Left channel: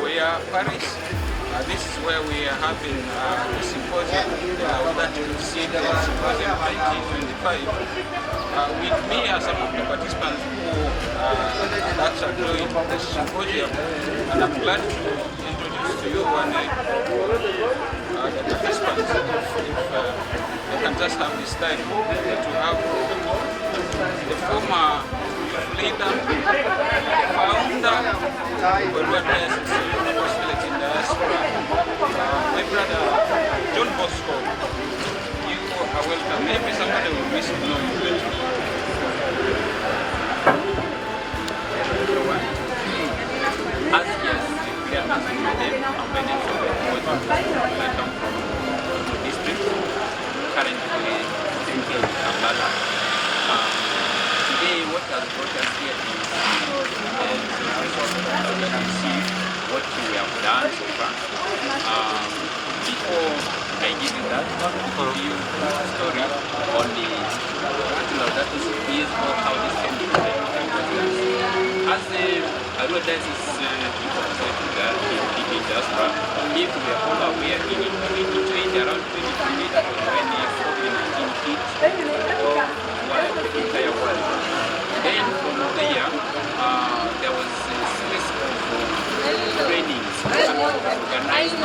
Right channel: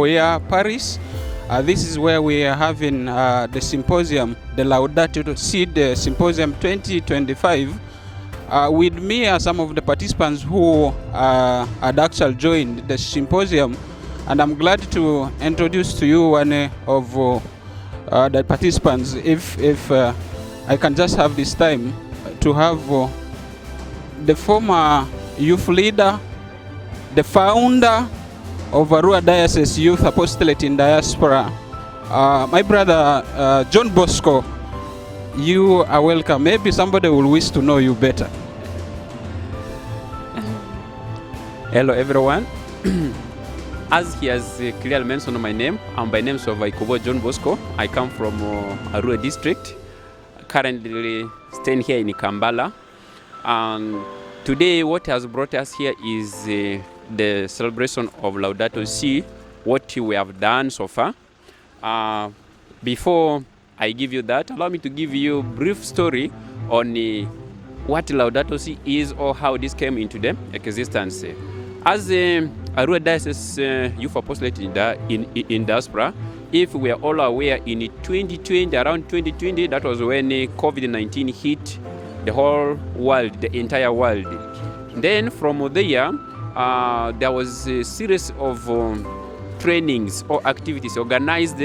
Mbuya, Paris. This is where we are having the symposium, the LAUDATO to Seed Symposium 2025. With me are some of the participants who had actually joined the symposium, and I'm glad to introduce to you one of the participants. If I can just have this time to have the former youth leader, the founder of Arua Diocese Youth Apostolate in Diaspora, my brother John Bosco. You are welcome. Maybe somebody will wish to know you better. Hello everyone. As he has clearly mentioned my name, I'm by name John Bosco. I come from Arua district, currently staying here in Kampala. Today what has brought us here is the celebration of Laudato Si, what we have done so far. Before I give you that, allow me to give you a brief story on what Laudato Si is or how this came into the existence. As Arua Diocese Youth Apostolate in Diaspora, if we are all aware, in 2020, around 2020, that was when COVID-19 hit the whole world, the entire world. Then from there, there was a series of trainings or activities organized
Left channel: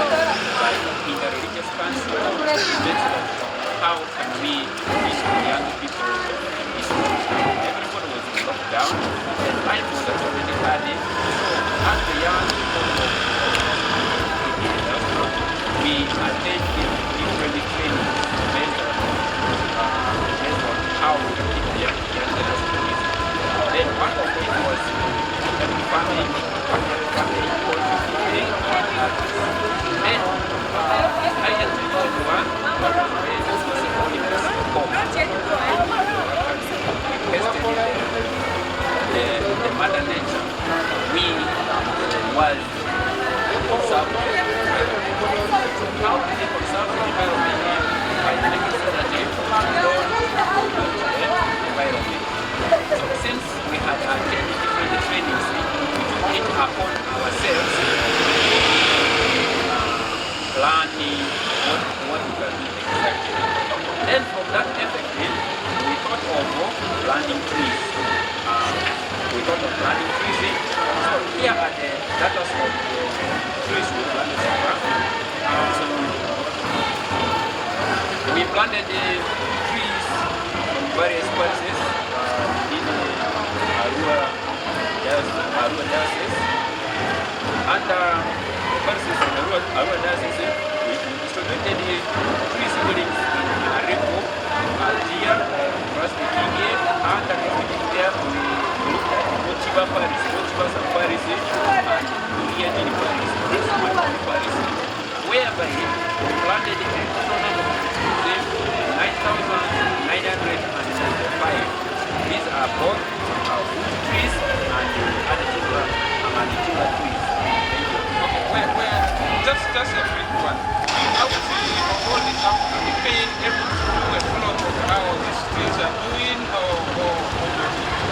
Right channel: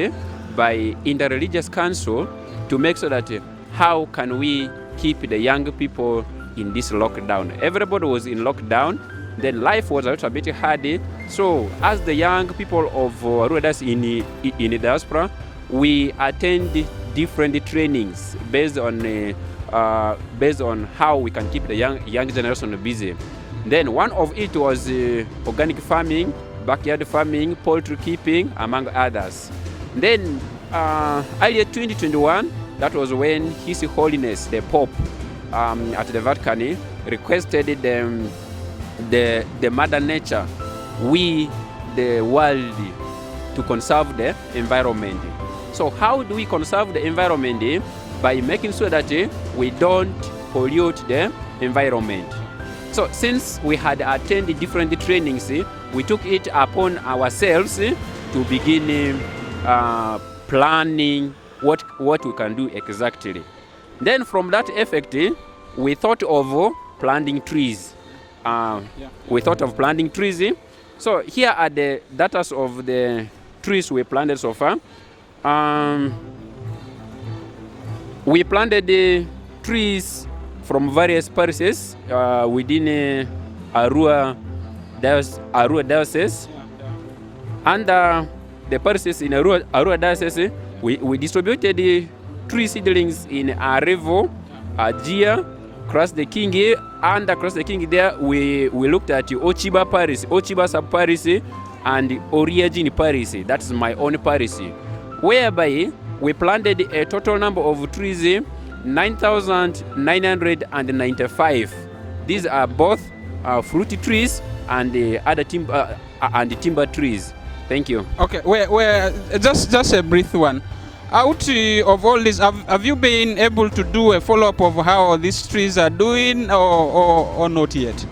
by Interreligious Council to make sure that how can we teach the young people in this lockdown. Everybody was in lockdown, then life was also a bit hard. So as the young people of Arua in the diaspora, we attend different trainings based on how we can keep the young generation busy. Then one of it was organic farming, backyard farming, poultry keeping, among others. Then earlier 2021, that was when His Holiness the Pope at the Vatican requested the Mother Nature, we the world, to conserve the environment. So how do we conserve the environment? By making sure that we don't pollute the environment. So since we had attended different trainings, we took it upon ourselves to begin planning what we can do exactly. Then from that effect, we thought of planting trees. So here are the data of the trees we planted so far. We planted the trees from various parishes within Arua Diocese. Under the parishes in Arua Diocese, we distributed the tree seedlings in Arevo, Dia, across the King, and across the King there we looked at Ochiba Parish, Ochiba Sub-Parish, and Oriadini Parish. That's my own parish. Whereby we planted a total number of trees, 9,995. These are both fruit trees and other timber trees. Thank you. Okay, just a brief one. Out of all this, have you been able to do a follow-up of how these trees are doing, or not yet?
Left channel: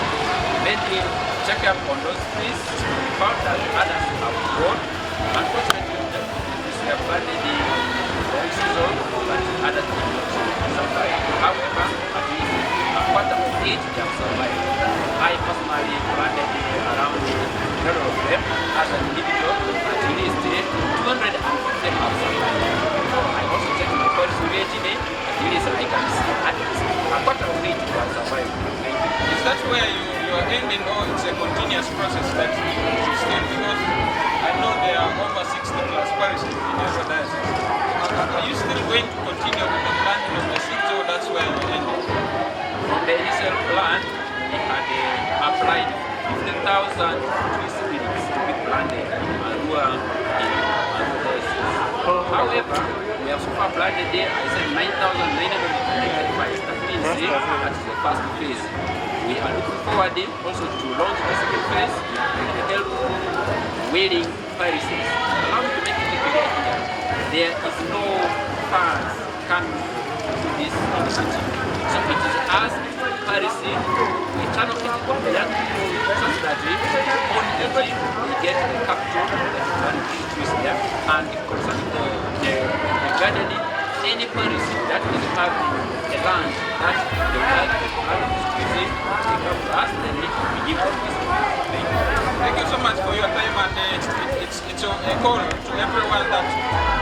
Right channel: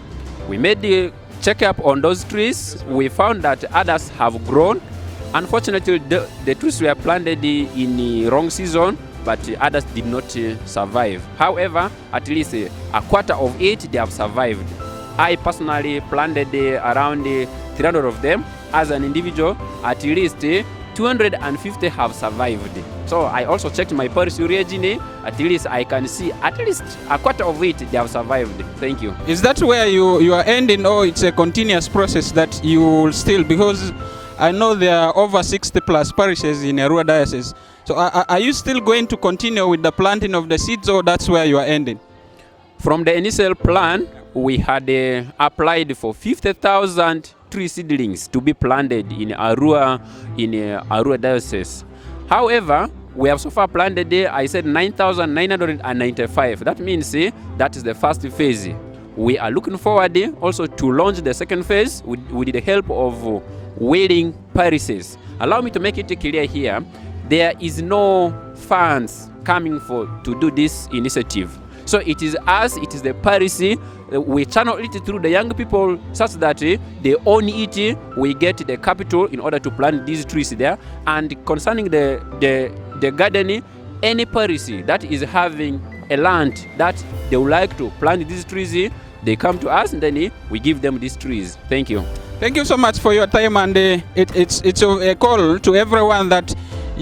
We made the check-up on those trees. We found that others have grown. Unfortunately, the trees were planted in the wrong season, but others did not survive. However, at least a quarter of it, they have survived. I personally planted around 300 of them. As an individual, at least 250 have survived. So I also checked my parish region. At least I can see at least a quarter of it they have survived. Thank you. Is that where you are ending, or it's a continuous process that you will still, because I know there are over 60 plus parishes in Arua Diocese. So are you still going to continue with the planting of the seeds, or that's where you are ending? From the initial plan, we had applied for 50,000 tree seedlings to be planted in Arua Diocese. However, we have so far planted I said 9,995. That means that is the first phase. We are looking forward also to launch the second phase with the help of willing parishes. Allow me to make it clear here, there is no funds coming to do this initiative. So it is us, it is the policy. We channel it through the young people such that they own it. We get the capital in order to plant these trees there. And concerning the gardening, any policy that is having a land that they would like to plant these trees, they come to us and then we give them these trees. Thank you. Thank you so much for your time, and it's a call to everyone that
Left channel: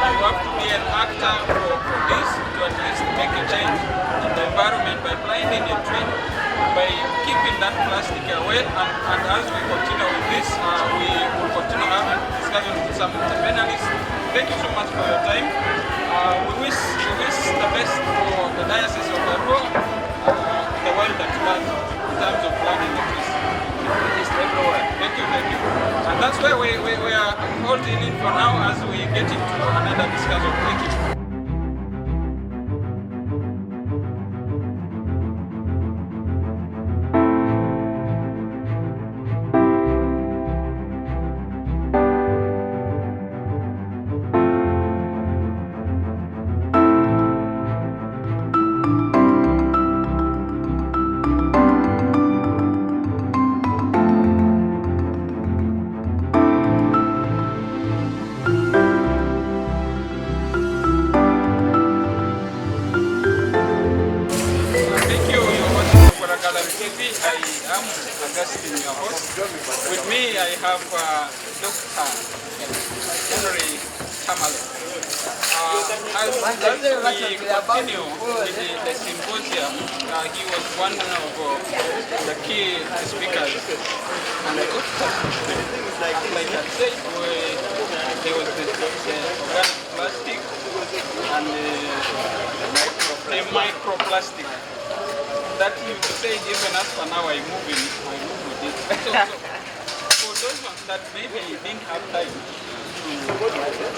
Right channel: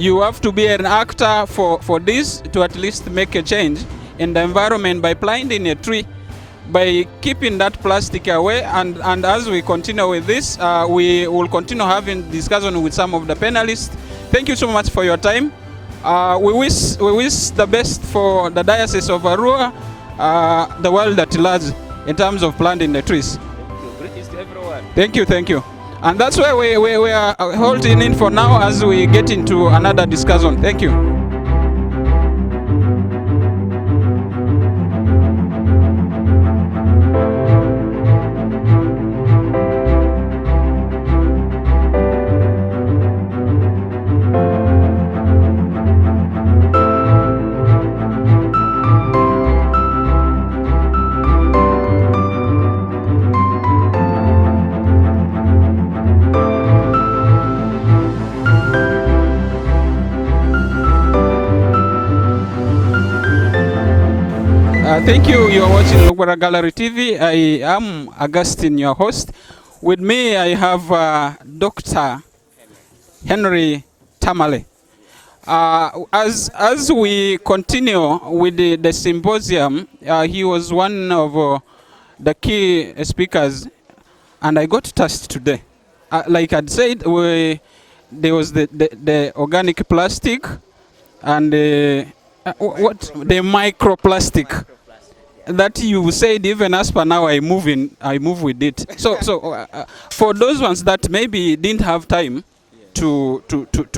you have to be an actor for this, to at least make a change in the environment by planting a tree, by keeping that plastic away. And as we continue with this, we will continue having discussion with some of the panelists. Thank you so much for your time. We wish the best for the Diocese of Arua, the world at large, in terms of planting the trees. Thank you. And that's where we are holding in for now as we get into another discussion. Thank you. Thank you. You're watching Mbuya Gallery TV. I am Augustine, your host. With me, I have Dr. Henry Tamale. As we continue with the symposium, he was one of the key speakers, and I got tasked today. Like I'd said, there was the organic plastic and the microplastic that you said. Even as for now, I move with it. So for those ones that maybe didn't have time to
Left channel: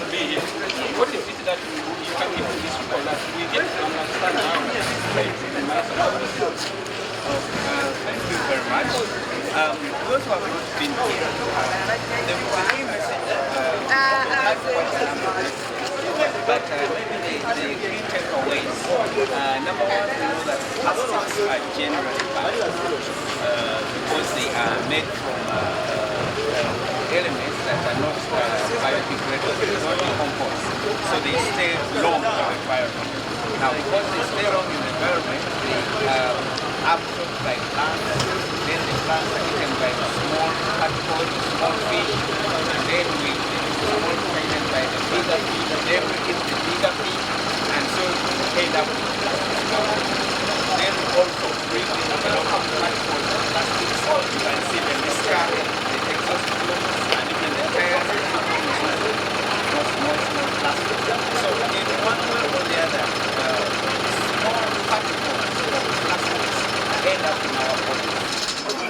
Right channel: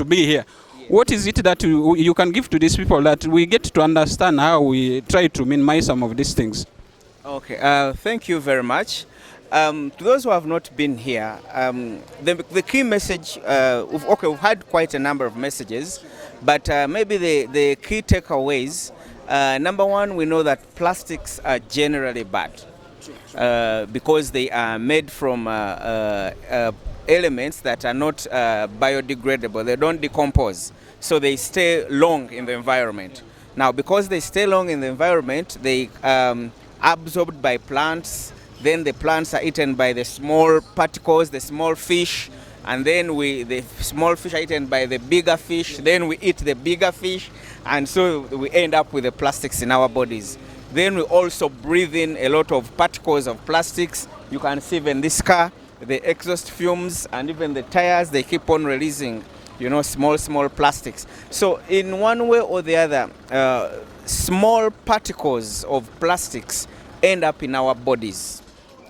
be here, what is it that you can give to these people that we get to understand how we try to minimize some of these things? Okay. Thank you very much. Those who have not been here, the key message, we've had quite a number of messages, but maybe the key takeaways, number one, we know that plastics are generally bad because they are made from elements that are not biodegradable. They don't decompose, so they stay long in the environment. Now, because they stay long in the environment, they are absorbed by plants. Then the plants are eaten by the small particles, the small fish, and then the small fish are eaten by the bigger fish. Then we eat the bigger fish, and so we end up with the plastics in our bodies. Then we also breathe in a lot of particles of plastics. You can see even this car, the exhaust fumes, and even the tires, they keep on releasing, small plastics. So in one way or the other, small particles of plastics end up in our bodies.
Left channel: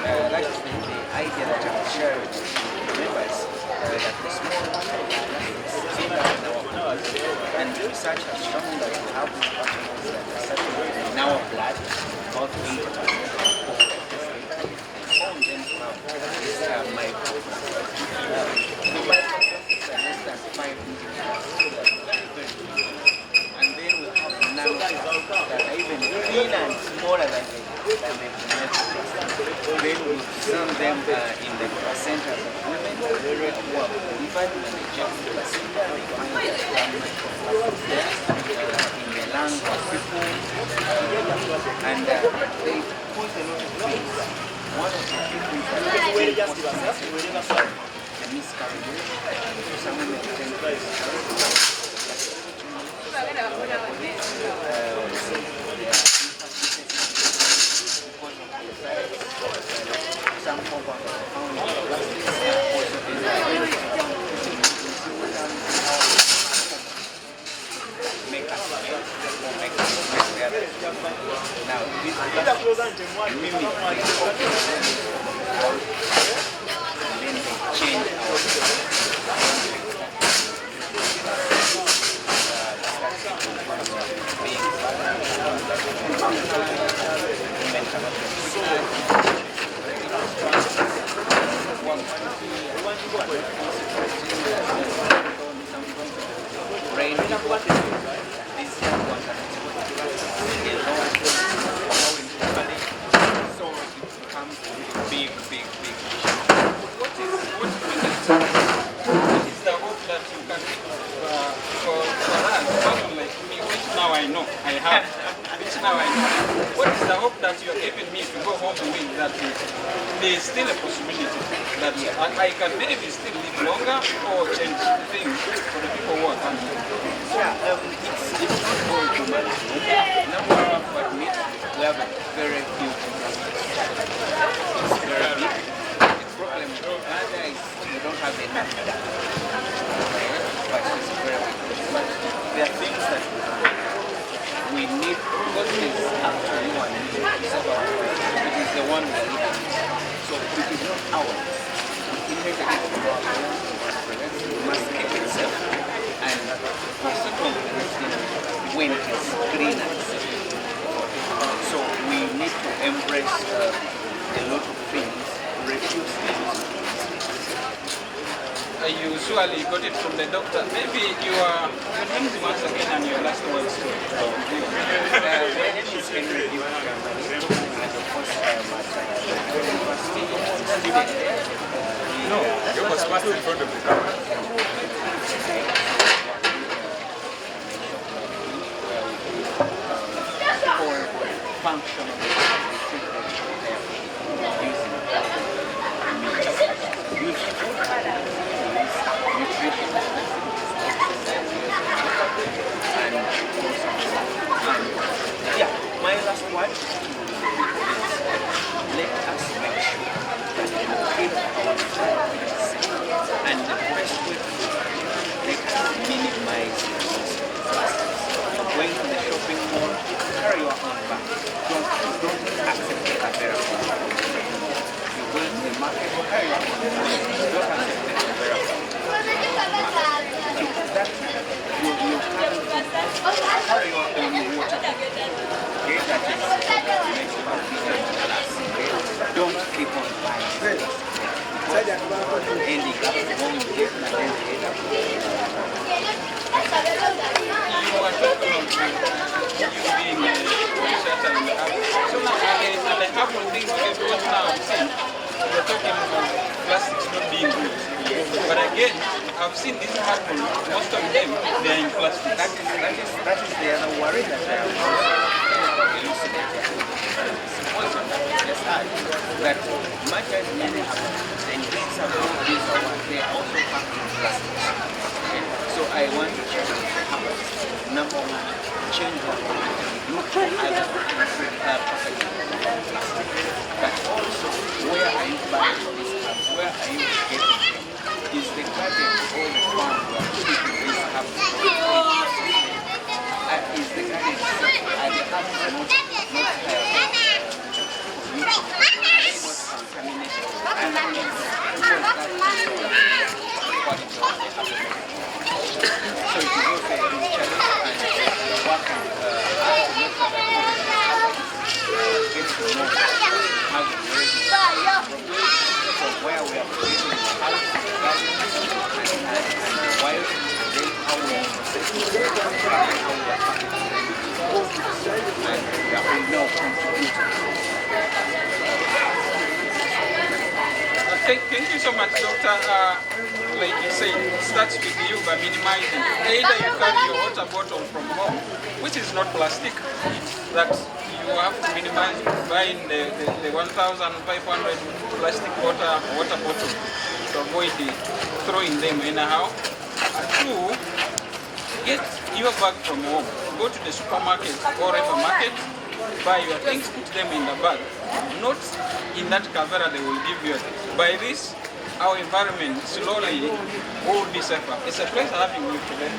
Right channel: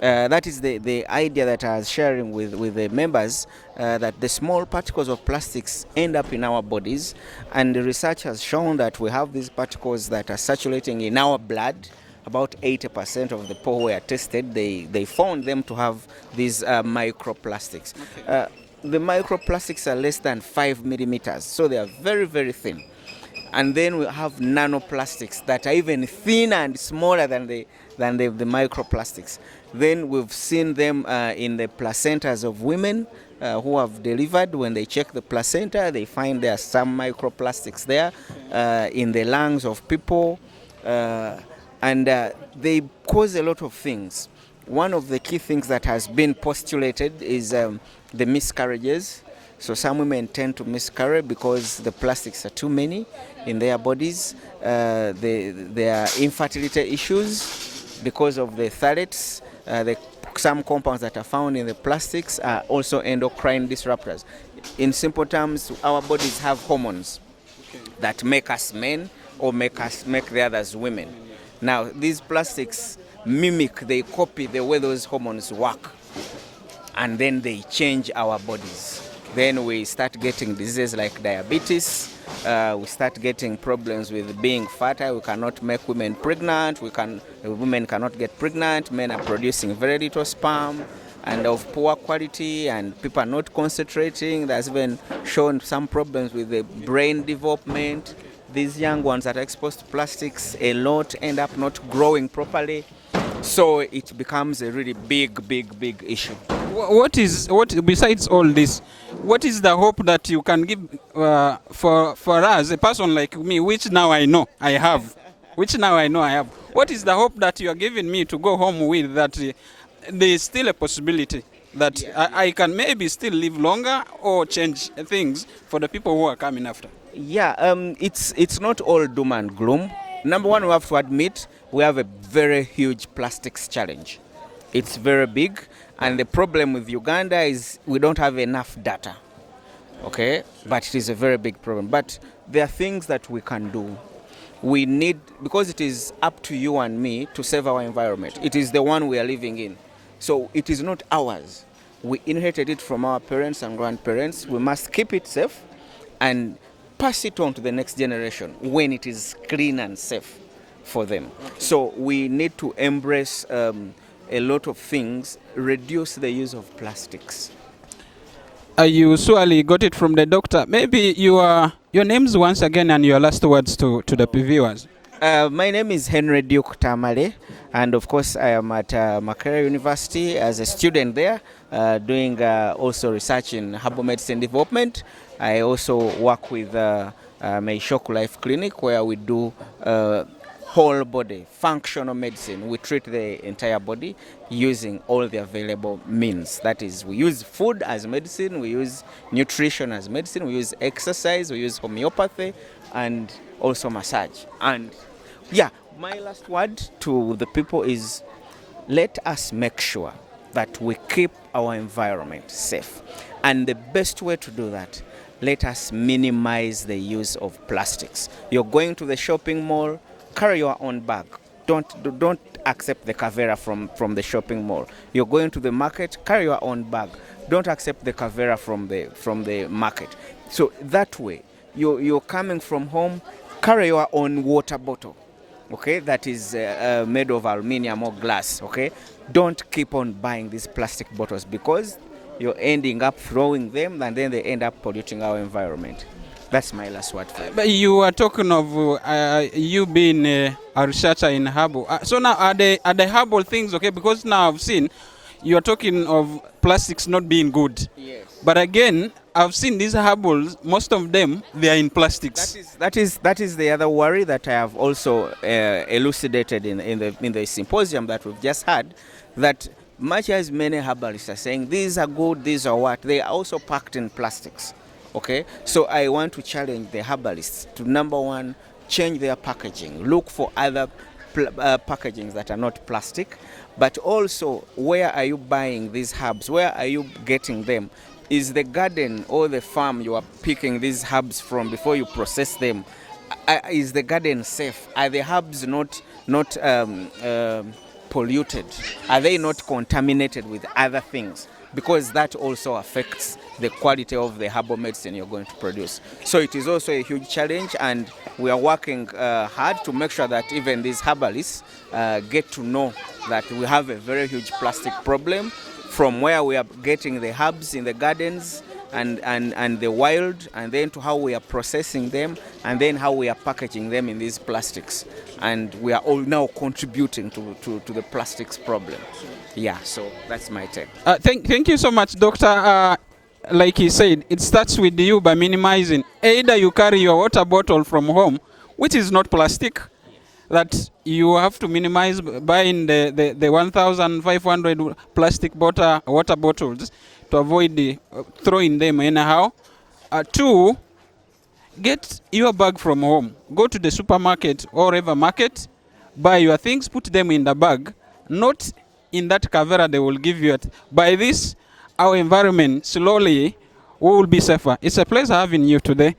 That is the idea that I was sharing with the members, that the small particles of plastics end up in our bodies, and the research has shown that we have these particles that are circulating in our blood. About 80% of the people who were tested, they found them to have these microplastics. The microplastics are less than 5 millimeters, so they are very, very thin. And then we have nanoplastics that are even thinner and smaller than the microplastics. Then we've seen them in the placentas of women who have delivered. When they check the placenta, they find there are some microplastics there in the lungs of people, and they cause a lot of things. One of the key things that has been postulated is the miscarriages. So some women tend to miscarry because the plastics are too many in their bodies. There are infertility issues because of the phthalates. Some compounds that are found in the plastics are also endocrine disruptors. In simple terms, our bodies have hormones that make us men or make the others women. Now, these plastics they copy the way those hormones work, and then they change our bodies. Then we start getting diseases like diabetes. We start getting problems with being fertile. We cannot make women pregnant. Women cannot get pregnant. Men are producing very little sperm and of poor quality, and people are not concentrating. There's been shown some problems with the brain development. these young ones that are exposed to plastics, a lot end up not growing properly. So it becomes a really big issue. What besides all this? What is the hope that you can give for us, a person like me, which now I know I have, What is the hope that you are giving me to go home with, that there is still a possibility that I can maybe still live longer or change things for the people who are coming up? Yeah, it's not all doom and gloom. Number one, we have to admit we have a very huge plastics challenge. It's very big, and the problem with Uganda is we don't have enough data. Okay, but it is a very big problem. But there are things that we can do. We need, because it is up to you and me to save our environment. It is the one we are living in. So it is not ours. We inherited it from our parents and grandparents. We must keep it safe and pass it on to the next generation when it is clean and safe for them. So we need to embrace a lot of things, reduce the use of plastics. You surely got it from the doctor. Maybe your names once again and your last words to the viewers. My name is Henry Duke Tamale, and of course I am at Makerere University as a student there, doing also research in herbal medicine development. I also work with Meishoku Life Clinic, where we do whole body functional medicine. We treat the entire body using all the available means. That is, we use food as medicine, we use nutrition as medicine, we use exercise, we use homeopathy, and also massage. And yeah, my last word to the people is, let us make sure that we keep our environment safe. And the best way to do that, let us minimize the use of plastics. You're going to the shopping mall, carry your own bag. Don't accept the kavera from the shopping mall. You're going to the market, carry your own bag. Don't accept the kavera from the market. So that way, you're coming from home, carry your own water bottle. Okay, that is made of aluminium or glass. Okay, don't keep on buying these plastic bottles, because you're ending up throwing them and then they end up polluting our environment. That's my last one. You are talking of you being a researcher in herbal. So now are the herbal things okay? Because now I've seen you are talking of plastics not being good. But again, I've seen these herbal, most of them, they are in plastics. That is the other worry that I have also elucidated in the symposium that we just had, that much as many herbalists are saying these are good, these are what, they are also packed in plastics. Okay, so I want to challenge the herbalists to, number one, change their packaging. Look for other packaging that are not plastic, but also, where are you buying these herbs? Where are you getting them? Is the garden or the farm you are picking these herbs from before you process them? Is the garden safe? Are the herbs not polluted? Are they not contaminated with other things? Because that also affects the quality of the herbal medicine you're going to produce. So it is also a huge challenge, and we are working hard to make sure that even these herbalists get to know that we have a very huge plastic problem, from where we are getting the herbs in the gardens and the wild, and then to how we are processing them, and then how we are packaging them in these plastics. And we are all now contributing to the plastics problem. Yeah, so that's my take. Thank you so much, Doctor. Like he said, it starts with you by minimizing. Either you carry your water bottle from home, which is not plastic, that you have to minimize buying the 1,500 plastic water bottles to avoid throwing them anyhow. Two, get your bag from home. Go to the supermarket or whatever market, buy your things, put them in the bag, not in that kavera they will give you. By this, our environment slowly will be safer. It's a pleasure having you today.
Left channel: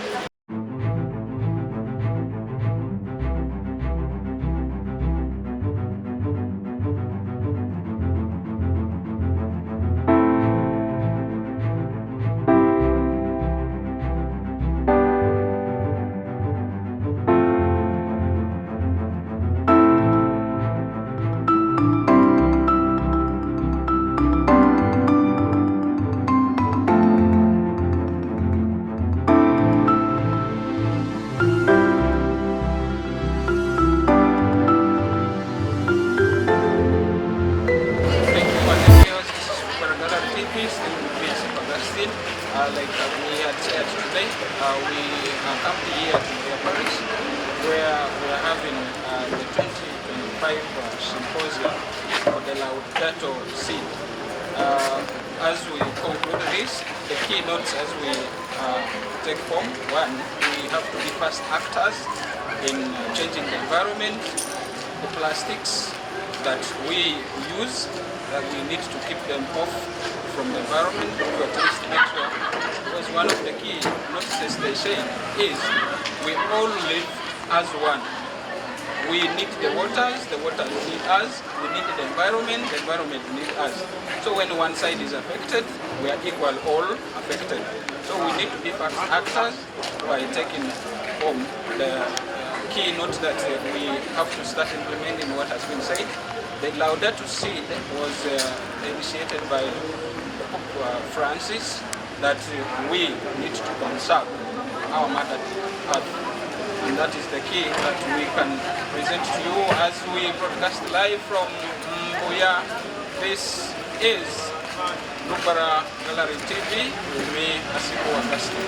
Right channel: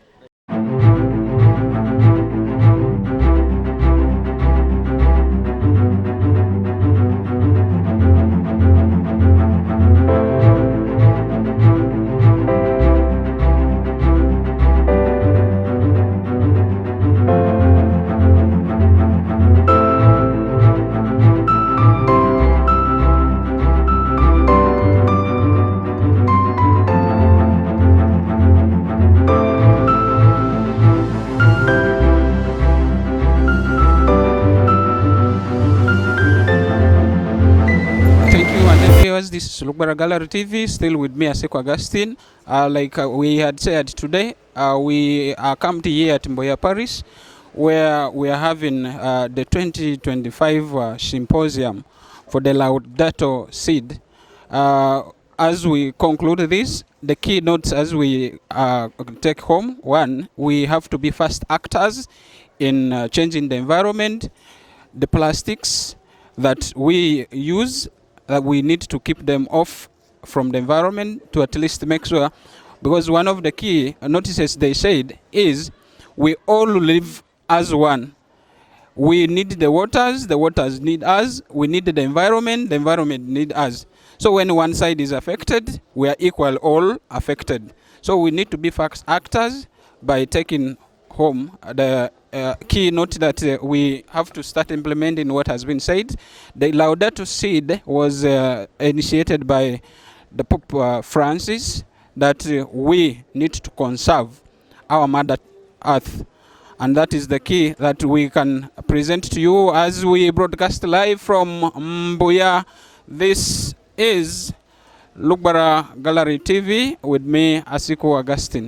It's Lubara Gallery TV, still with me, Asiko Augustine. We had said today, we are camped here at Mbuya Parish, where we are having the 2025 symposium for the Laudato Seed. As we conclude this, the keynotes as we take home, one, we have to be fast actors in changing the environment. The plastics that we use, we need to keep them off from the environment to at least make sure, because one of the key notices they said is we all live as one. We need the waters need us, we need the environment need us. So when one side is affected, we are equal all affected. So we need to be fast actors by taking home the keynote that we have to start implementing what has been said. The Laudato Seed was initiated by the Pope Francis, that we need to conserve our Mother Earth. And that is the key that we can present to you as we broadcast live from Mbuya. This is Lubara Gallery TV with me, Asiko Augustine.